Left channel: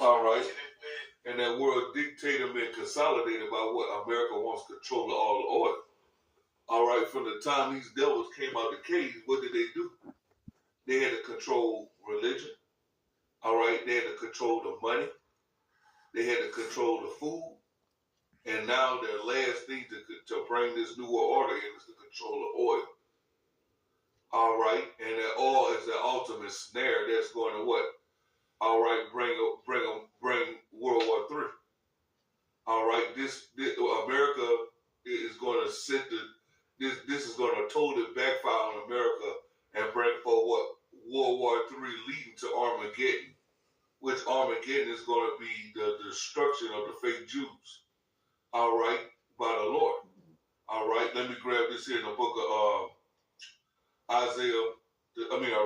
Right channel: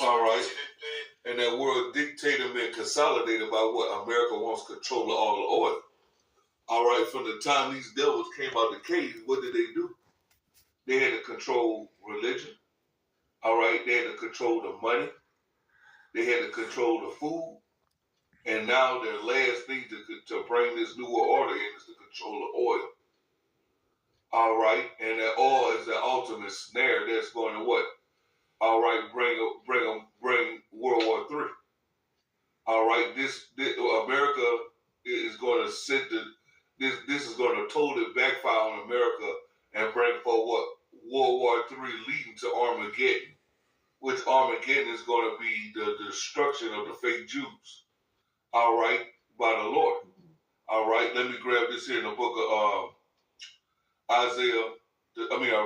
All right. And that world dictator been consolidated by what? America wants control of all the oil. All right. From the time these devils came out the cave, what did they do? They had to control religion. All right. They had to control the money. They had to control the food. And now their last thing to bring this new world order in is to control the oil. All right. And that oil is the ultimate snare that's going to what? All right. Bring World War III. All right. This America is going to this is going to totally backfire on America and bring forward what? World War III leading to Armageddon. Which Armageddon is going to be the destruction of the fake Jews. All right, by the Lord. All right, let me grab this here in the book of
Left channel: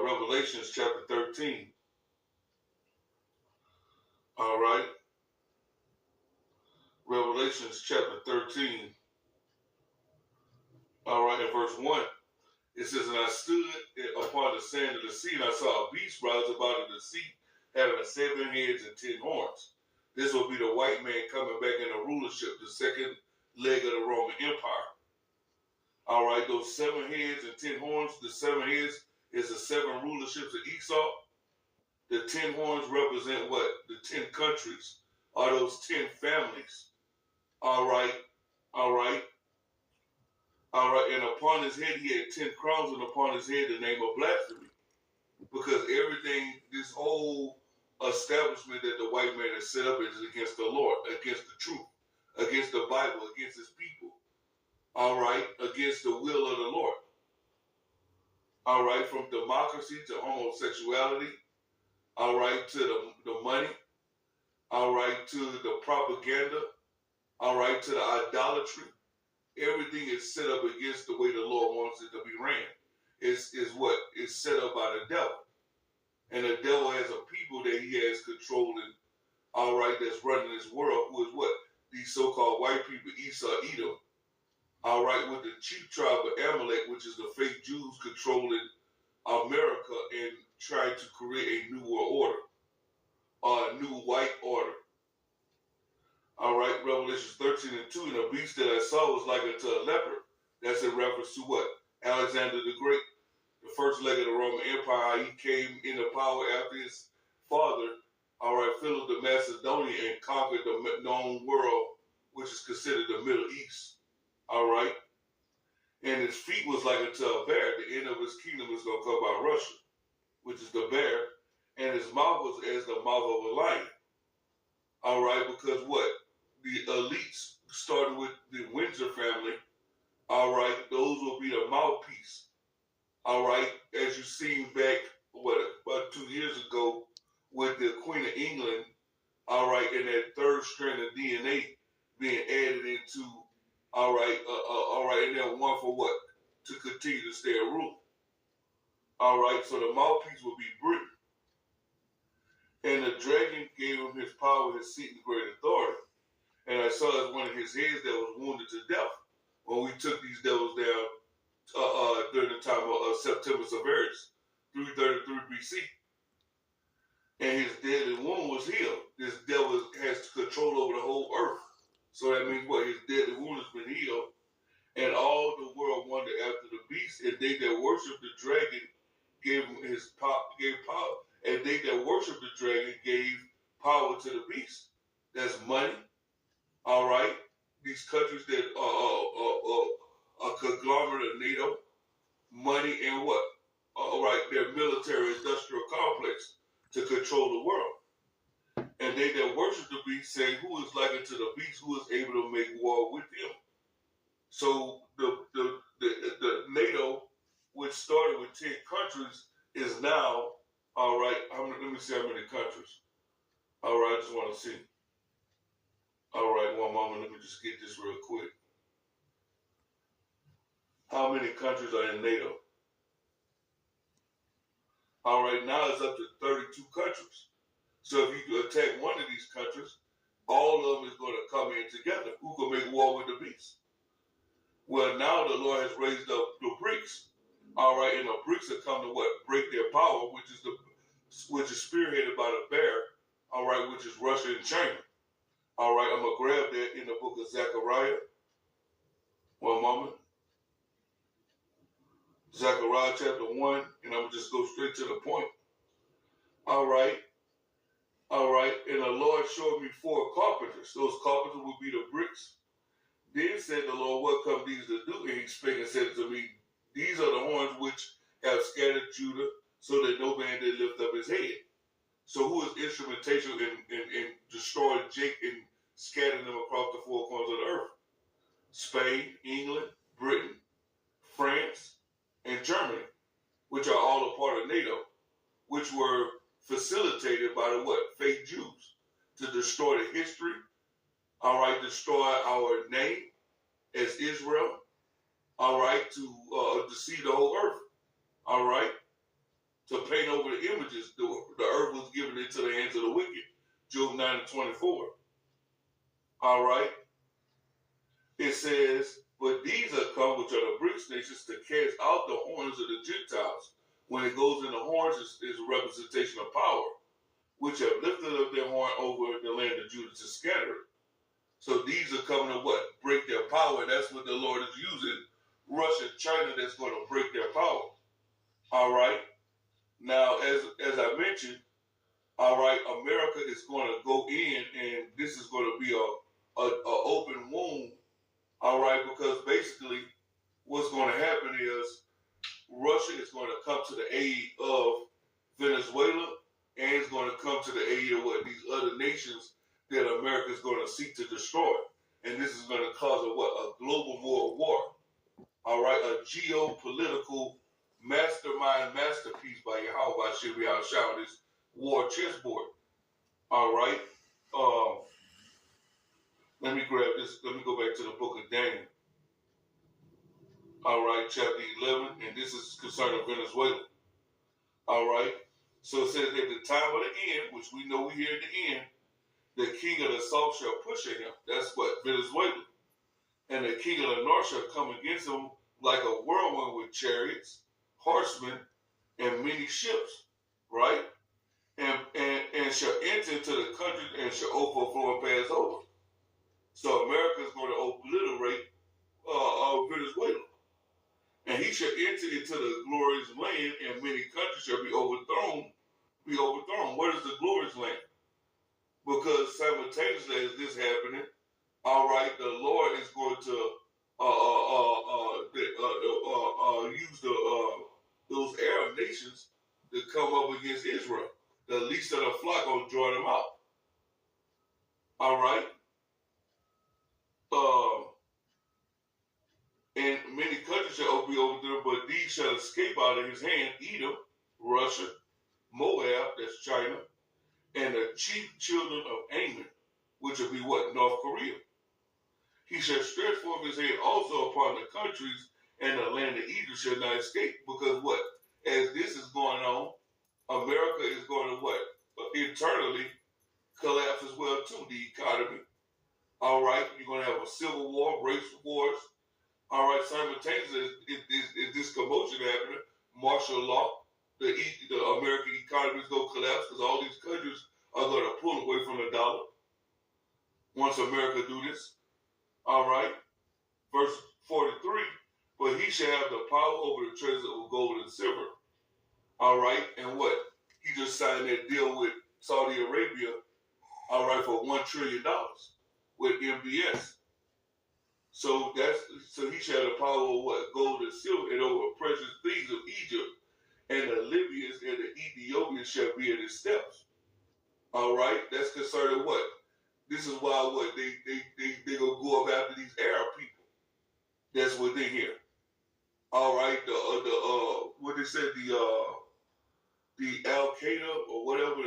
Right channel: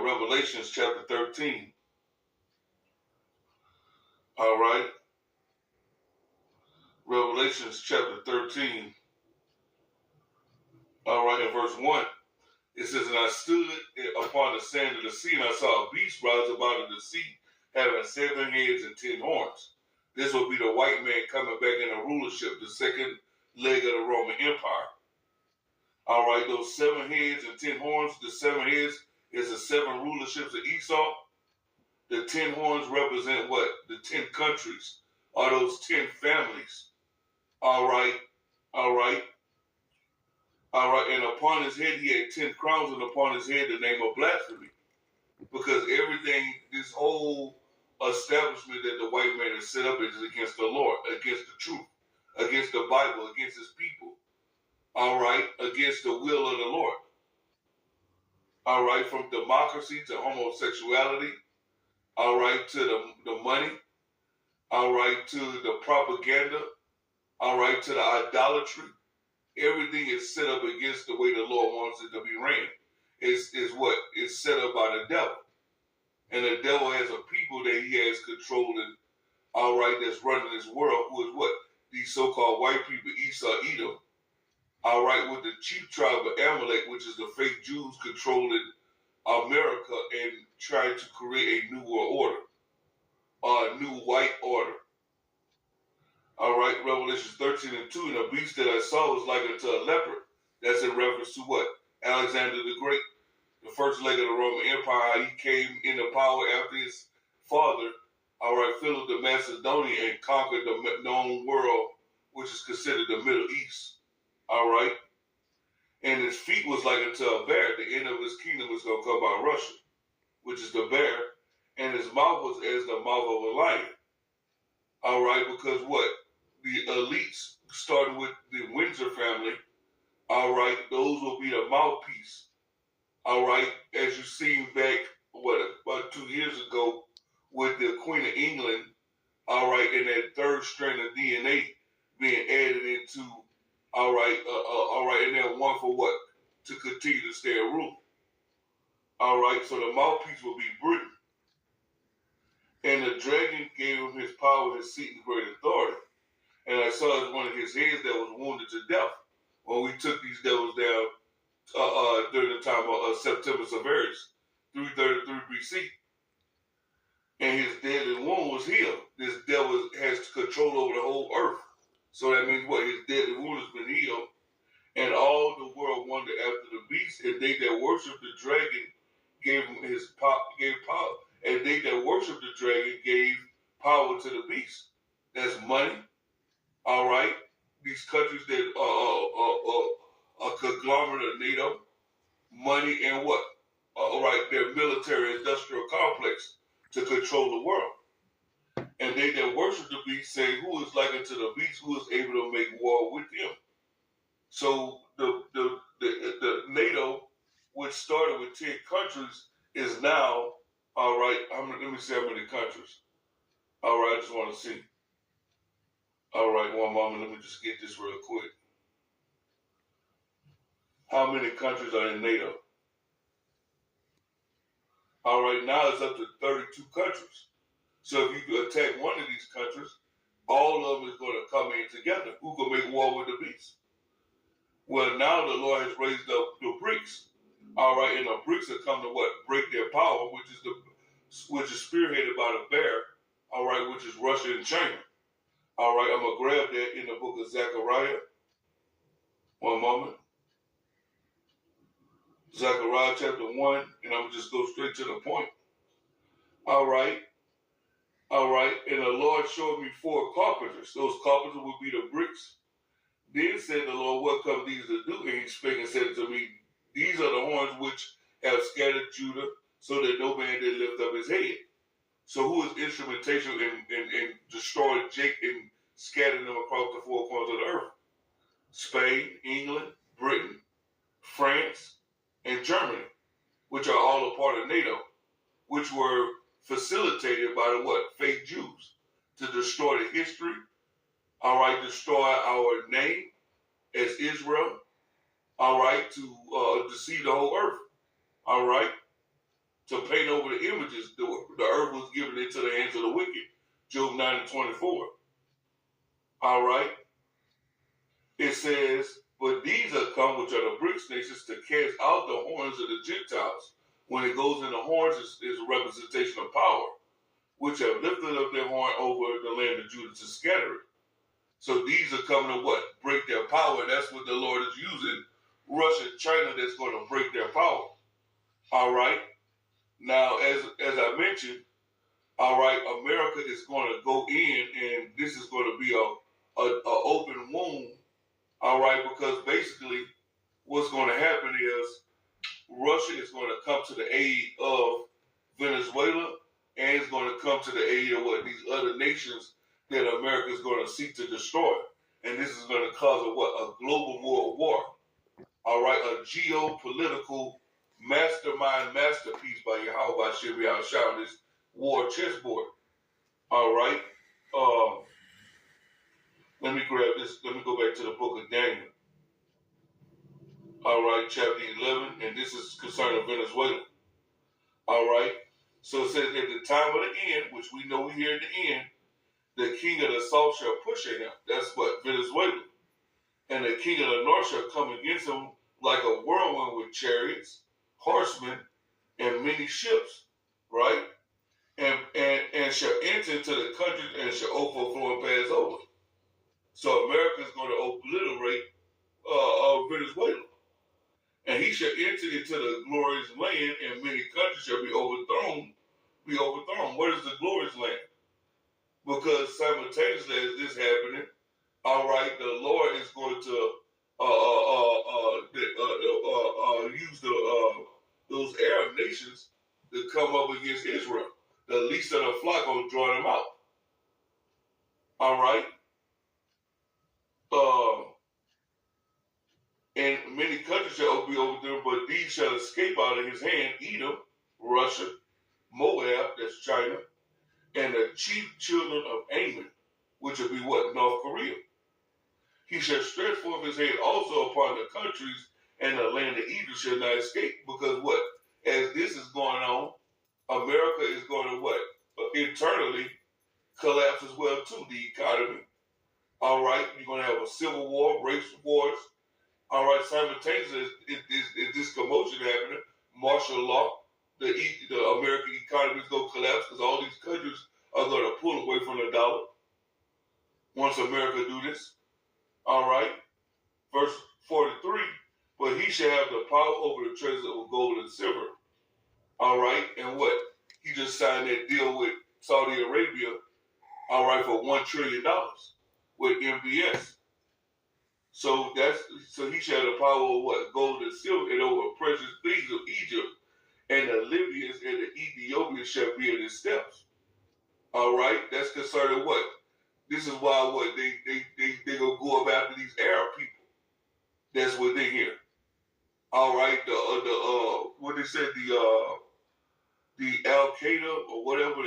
Revelations chapter 13. All right, Revelations chapter 13. All right, in verse 1, it says, "And I stood upon the sand of the sea, and I saw a beast rise up out of the sea, having 7 heads and 10 horns. This will be the white man coming back in the rulership, the second leg of the Roman Empire. All right, those 7 heads and 10 horns, the 7 heads is the 7 rulerships of Esau. The 10 horns represent what? The 10 countries, or those 10 families. All right, all right, all right. And upon his head he had 10 crowns, and upon his head the name of blasphemy. Because everything, this whole establishment that the white man has set up is against the Lord, against the truth, against the Bible, against his people. All right, against the will of the Lord. All right, from democracy to homosexuality. All right, to the money. All right, to the propaganda. All right, to the idolatry. Everything is set up against the way the Lord wants it to be ran. Is what is set up by the devil. And the devil has a people that he has controlling, all right, that's running this world, who is what? These so-called white people, Esau, Edom. All right, with the chief tribe of Amalek, which is the fake Jews controlling America and trying to create a new world order, a new white order. All right, Revelation 13 and 2, and the beast that I saw was like unto a leopard. That's in reference to what? Alexander the Great, the first leg of the Roman Empire. He came into power after his father, all right, Philip the Macedonian, and conquered the known world, which is considered the Middle East. All right. And his feet was like unto a bear. The end of his kingdom was going to come by Russia, which is the bear. And his mouth was as the mouth of a lion. All right. Because what? The elites, starting with the Windsor family, all right, those will be the mouthpiece. All right. As you seen back, about 2 years ago with the Queen of England, all right, and that third strand of DNA being added into, all right, and then one for what? To continue to stay in rule. All right, so the mouthpiece will be Britain. And the dragon gave him his power, his seat, and great authority. And I saw as one of his heads that was wounded to death when we took these devils down during the time of September Severus, 333 BC. And his deadly wound was healed. This devil has control over the whole earth. So that means what? His deadly wound has been healed. And all the world wondered after the beast, and they that worshiped the dragon gave him gave power. And they that worshiped the dragon gave power to the beast. That's money. All right. These countries that are a conglomerate of NATO, money, and what? All right, their military industrial complex to control the world. And they that worship the beast say, who is like unto the beast, who is able to make war with him? So the NATO, which started with 10 countries, is now, all right, let me see how many countries. All right, I just want to see. All right, one moment, let me just get this real quick. How many countries are in NATO? All right, now it's up to 32 countries. So if you attack one of these countries, all of them is going to come in together. Who can make war with the beast? Well, now the Lord has raised up the BRICS. All right, and the BRICS have come to what? Break their power, which is spearheaded by the bear. all right, which is Russia and China. All right, I'm going to grab that in the book of Zechariah. One moment. Zechariah chapter 1, and I'm going to just go straight to the point. All right. All right. And the Lord showed me 4 carpenters. Those carpenters would be the bricks. Then said the Lord, what come these to do? And he spake and said to me, these are the horns which have scattered Judah, so that no man did lift up his head. So who is instrumentation in destroying Jacob and scattering them across the 4 corners of the earth? Spain, England, Britain, France, and Germany, which are all a part of NATO, which were facilitated by the what? Fake Jews to destroy the history, all right, destroy our name as Israel, all right, to deceive the whole earth, all right, to paint over the images. The earth was given into the hands of the wicked, Job 9:24, all right. It says, but these are come, which are the BRICS nations, to cast out the horns of the Gentiles. When it goes in the horns, is a representation of power, which have lifted up their horn over the land of Judah to scatter it. So these are coming to what? Break their power. That's what the Lord is using. Russia and China, that's going to break their power. All right. Now, as I mentioned, all right, America is going to go in, and this is going to be a open wound. All right, because basically what's going to happen is Russia is going to come to the aid of Venezuela, and it's going to come to the aid of what these other nations that America is going to seek to destroy. And this is going to cause a global world war. All right, a geopolitical mastermind masterpiece by Yahweh should be outshining this war chessboard. All right. Let me grab this. Let me go back to the book of Daniel. All right, chapter 11, and this is concerning Venezuela. All right. So it says, at the time of the end, which we know we hear at the end, the king of the south shall push at him. That's what? Venezuela. And the king of the north shall come against him like a whirlwind with chariots, horsemen, and many ships. Right? And shall enter into the country and shall overflow and pass over. So America is going to obliterate Venezuela. And he shall enter into the glorious land, and many countries shall be overthrown. What is the glorious land? Because simultaneously as this happening, all right, the Lord is going to use those Arab nations to come up against Israel. The least of the flock will draw them out. All right. And many countries shall be over there, but these shall escape out of his hand: Edom, Russia, Moab, that's China, and the chief children of Ammon, which will be what? North Korea. He shall stretch forth his hand also upon the countries, and the land of Edom shall not escape. Because what? As this is going on, America is going to what? Internally collapse as well too, the economy. All right, you're going to have a civil war, racial wars. All right, simultaneously, is this commotion happening, martial law, the American economy is going to collapse because all these countries are going to pull away from the dollar once America do this. All right, verse 43, but he shall have the power over the treasure of gold and silver. All right, and what? He just signed that deal with Saudi Arabia, all right, for $1 trillion with MBS. So he shall have the power of what? Gold and silver, and over precious things of Egypt, and the Libyans and the Ethiopians shall be at his steps. All right, that's concerning what? This is why what they gonna go up after these Arab people. That's what they hear. All right, what they said, the Al Qaeda or whatever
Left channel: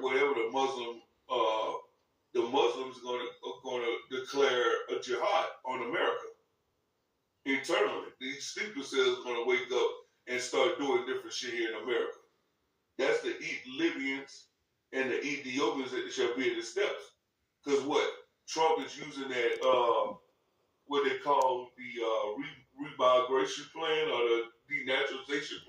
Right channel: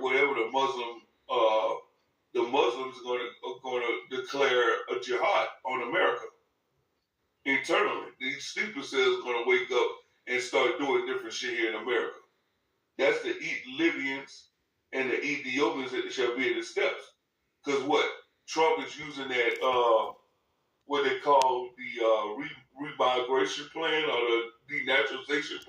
whatever the Muslims are gonna declare a jihad on America internally. These sleeper cells are gonna wake up and start doing different shit here in America. That's the Libyans and the Ethiopians that shall be at the steps. Because what? Trump is using that, what they call the remigration plan or the denaturalization